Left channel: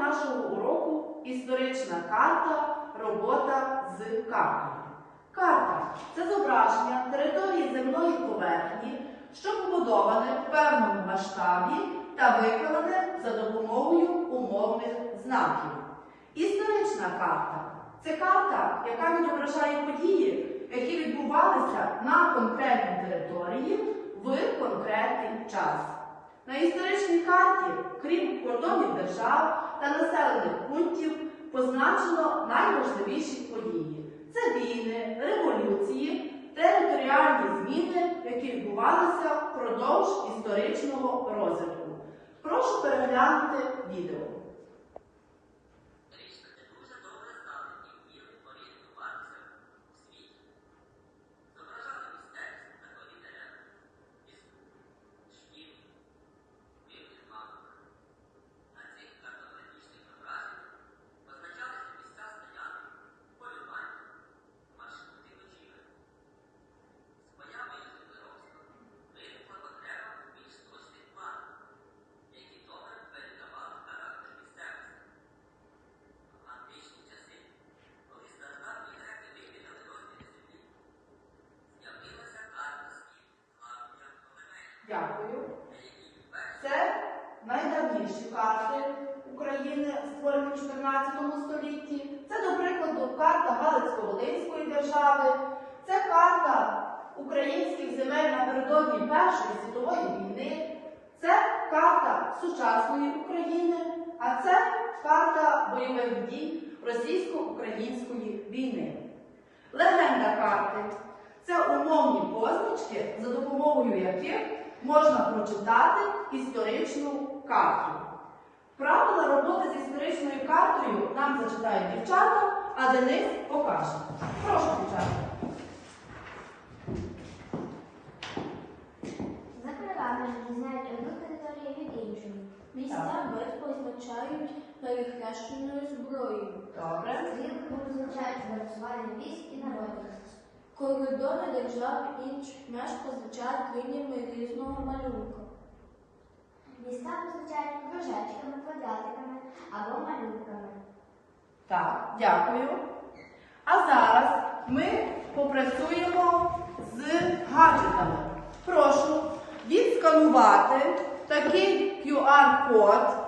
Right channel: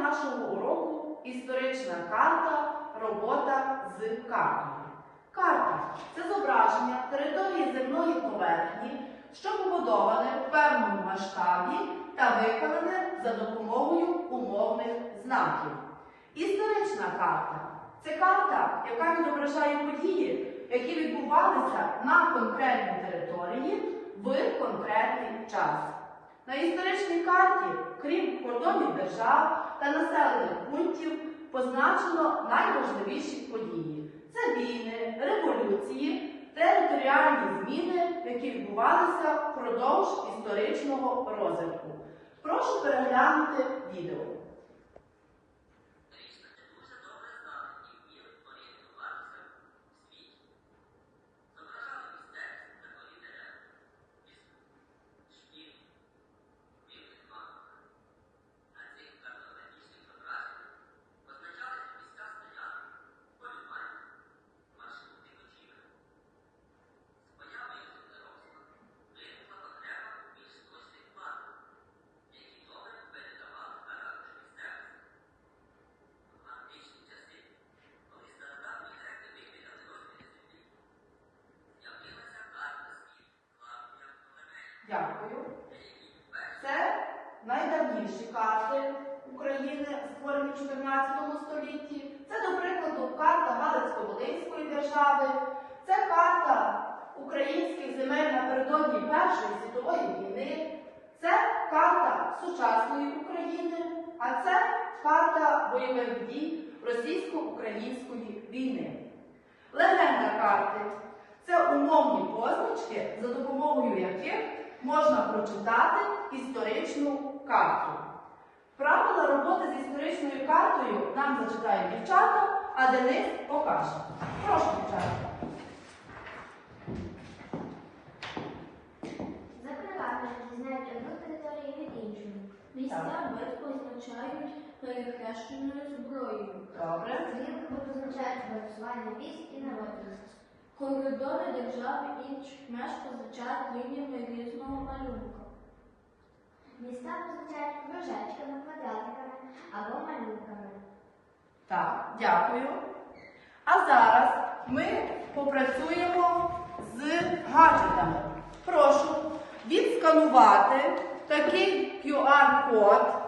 нашого уроку історична карта, робота з картою. Карта це зображення території земної поверхні, що побудоване в певному масштабі та виконане за допомогою умовних знаків. Історична карта це карта, яка відображає події, які відбувалися на конкретній території в конкретний час. На історичній карті, крім кордонів держав та населених пунктів, позначено найважливіші події. Це війни, революції, територіальні зміни, які відбувалися впродовж історичного розвитку. Прошу переглянути відео. Найдавніші карти України, створені у 14 столітті. Це, до прикладу, карта Галицько-Волинської держави. Це карта українських земель напередодні Першої світової війни. Це карта сучасної України, а це карта бойових дій російсько-української війни. Легенда карти це умовні позначки, за допомогою яких можна прочитати історичну карту. Правила роботи з історичною картою нам зачитають дівчата, а Денис покаже. Прошу, дівчата. За правилами знають одну територію від іншої. Битв позначають перехрещеною зброєю. Добре. Злівки позначають голосування військ і народу. Коридори держав інших меж позначають лініями різного малюнка. Міста позначають кружечками, квадратиками або малюнками. Так, дякую. А зараз ми попрацюємо з гаджетами. Прошу відсканувати такий QR-код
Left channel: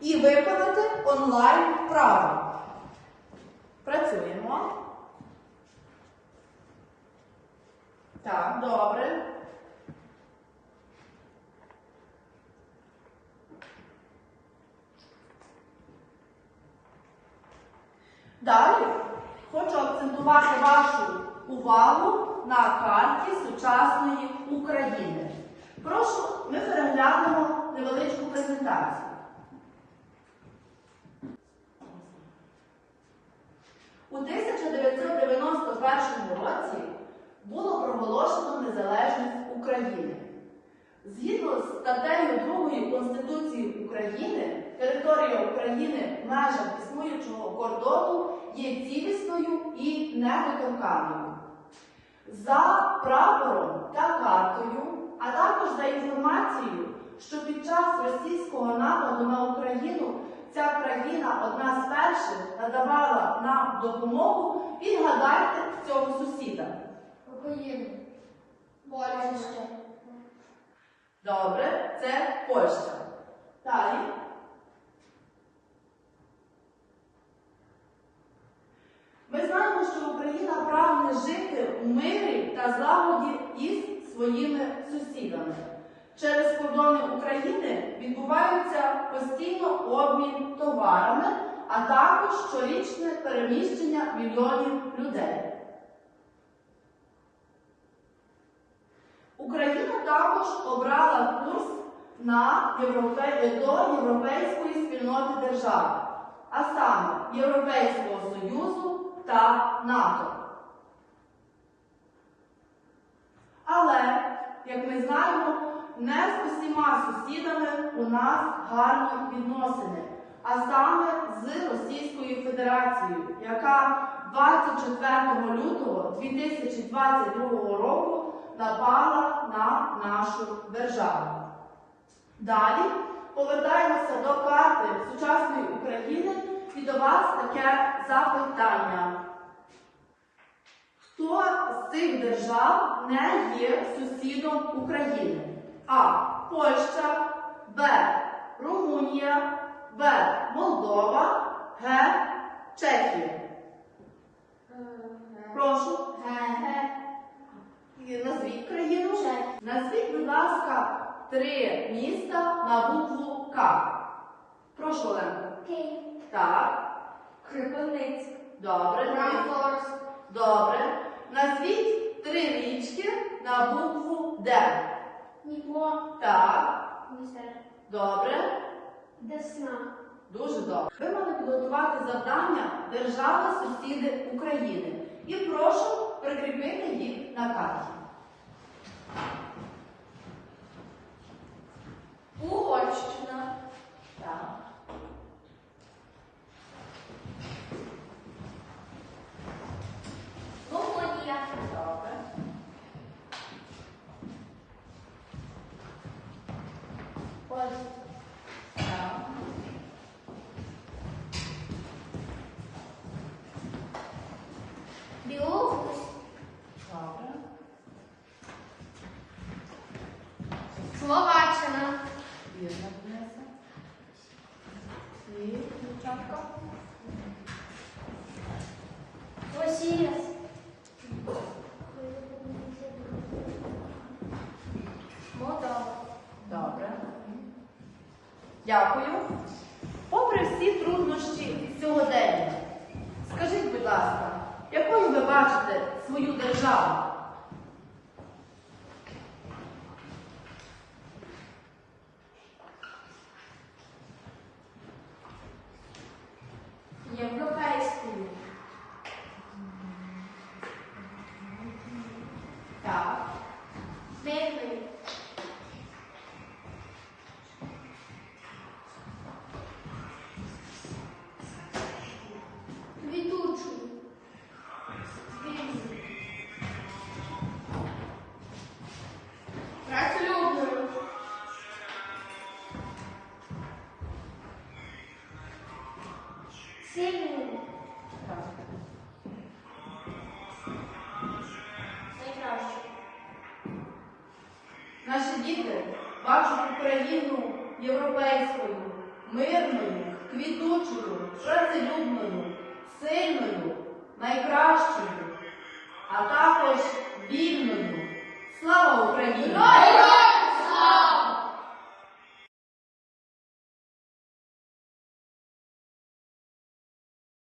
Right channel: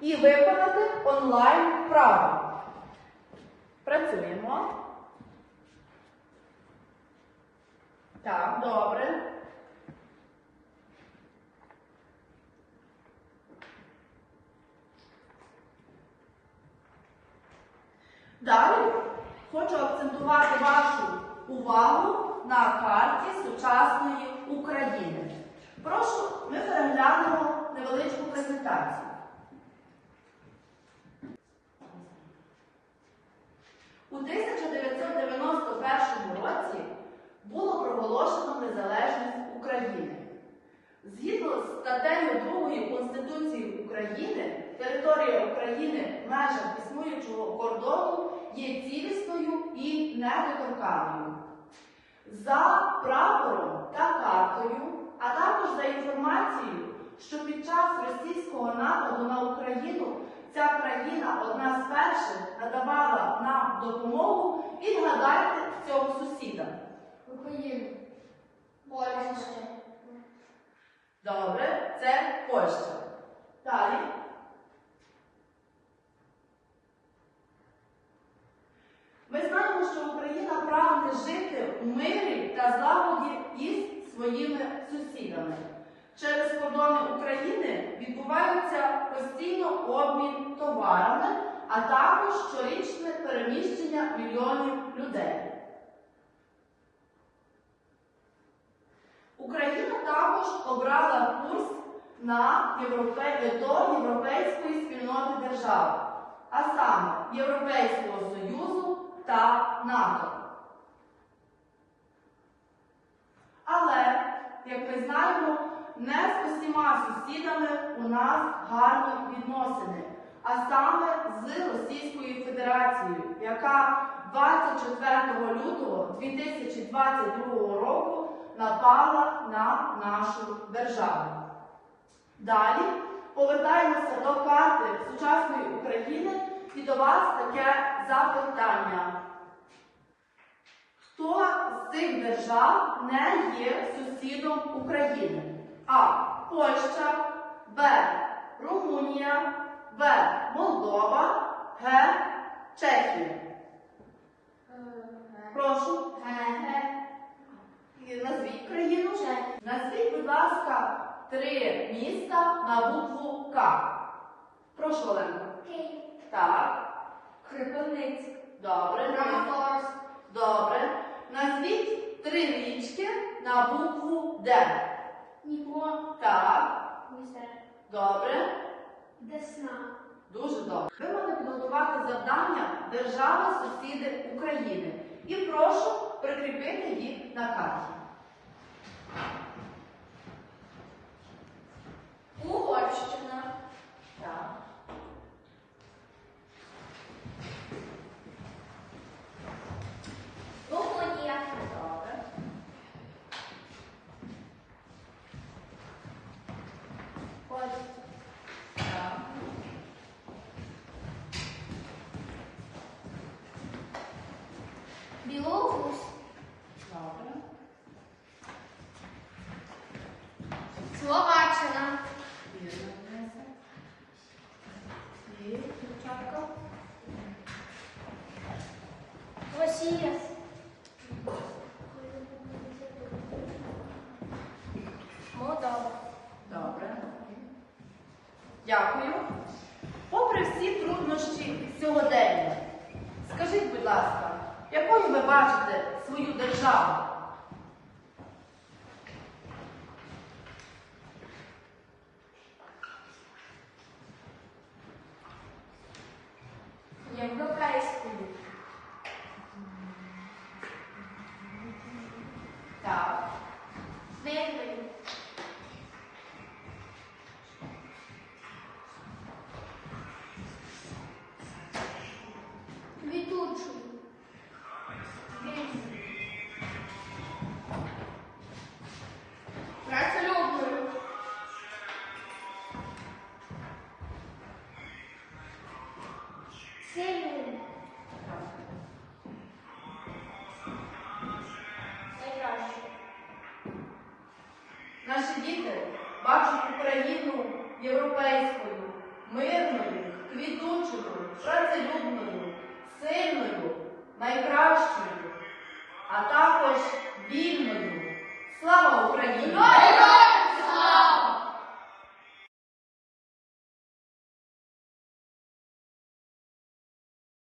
і виконати онлайн вправу. Працюємо. Так, добре. Далі хочу акцентувати вашу увагу на карті сучасної України. Прошу, ми переглянемо невеличку презентацію. У 1991 році було проголошено незалежність України. Згідно з статтею 2 Конституції України, України в межах існуючого кордону є цілісною і недоторканною. За прапором та картою, а також за інформацією, що під час російського нападу на Україну ця країна одна з перших надавала нам допомогу, відгадайте цього сусіда. України. Польща. Добре, це Польща. Далі. Ми знаємо, що Україна прагне жити в мирі та із своїми сусідами. Через кордони України відбувається постійно обмін товарами, а також щорічне переміщення мільйонів людей. Україна також обрала курс на європе... до Європейської спільноти держав, а саме Європейського Союзу та НАТО. Але, як ми знаємо, не з усіма сусідами у нас гарні відносини, а саме з Російською Федерацією, яка 24 лютого 2022 року напала на нашу державу. Далі повертаємося до карти сучасної України і до вас таке запитання. Хто з цих держав не є сусідом України? А. Польща, Б. Румунія, В. Молдова, Г. Чехія. Прошу. І Назвіть країну. Чехія. Назвіть, будь ласка, три міста на букву К. Прошу, Оленко. Київ. Так. Кропивницький. Добре. Крамфорськ. Добре. Назвіть три річки на букву Д. Дніпро. Так. Добре. Десна. Дуже добре. Ви мали підготувати завдання держави сусіди України. І прошу прикріпити їх на карті. Угорщина. Так. Румунія. Добре. Польща. Так. Білорусь. Добре. Словаччина. Вірно, Денисе. І, дівчатка. Росія. Молдова. Добре. Дякую. Попри всі труднощі сьогодення, скажіть, будь ласка, якою ви бачите свою державу? Мирною, квітучою, працелюбною, сильною, найкращою, а також вільною. Слава Україні!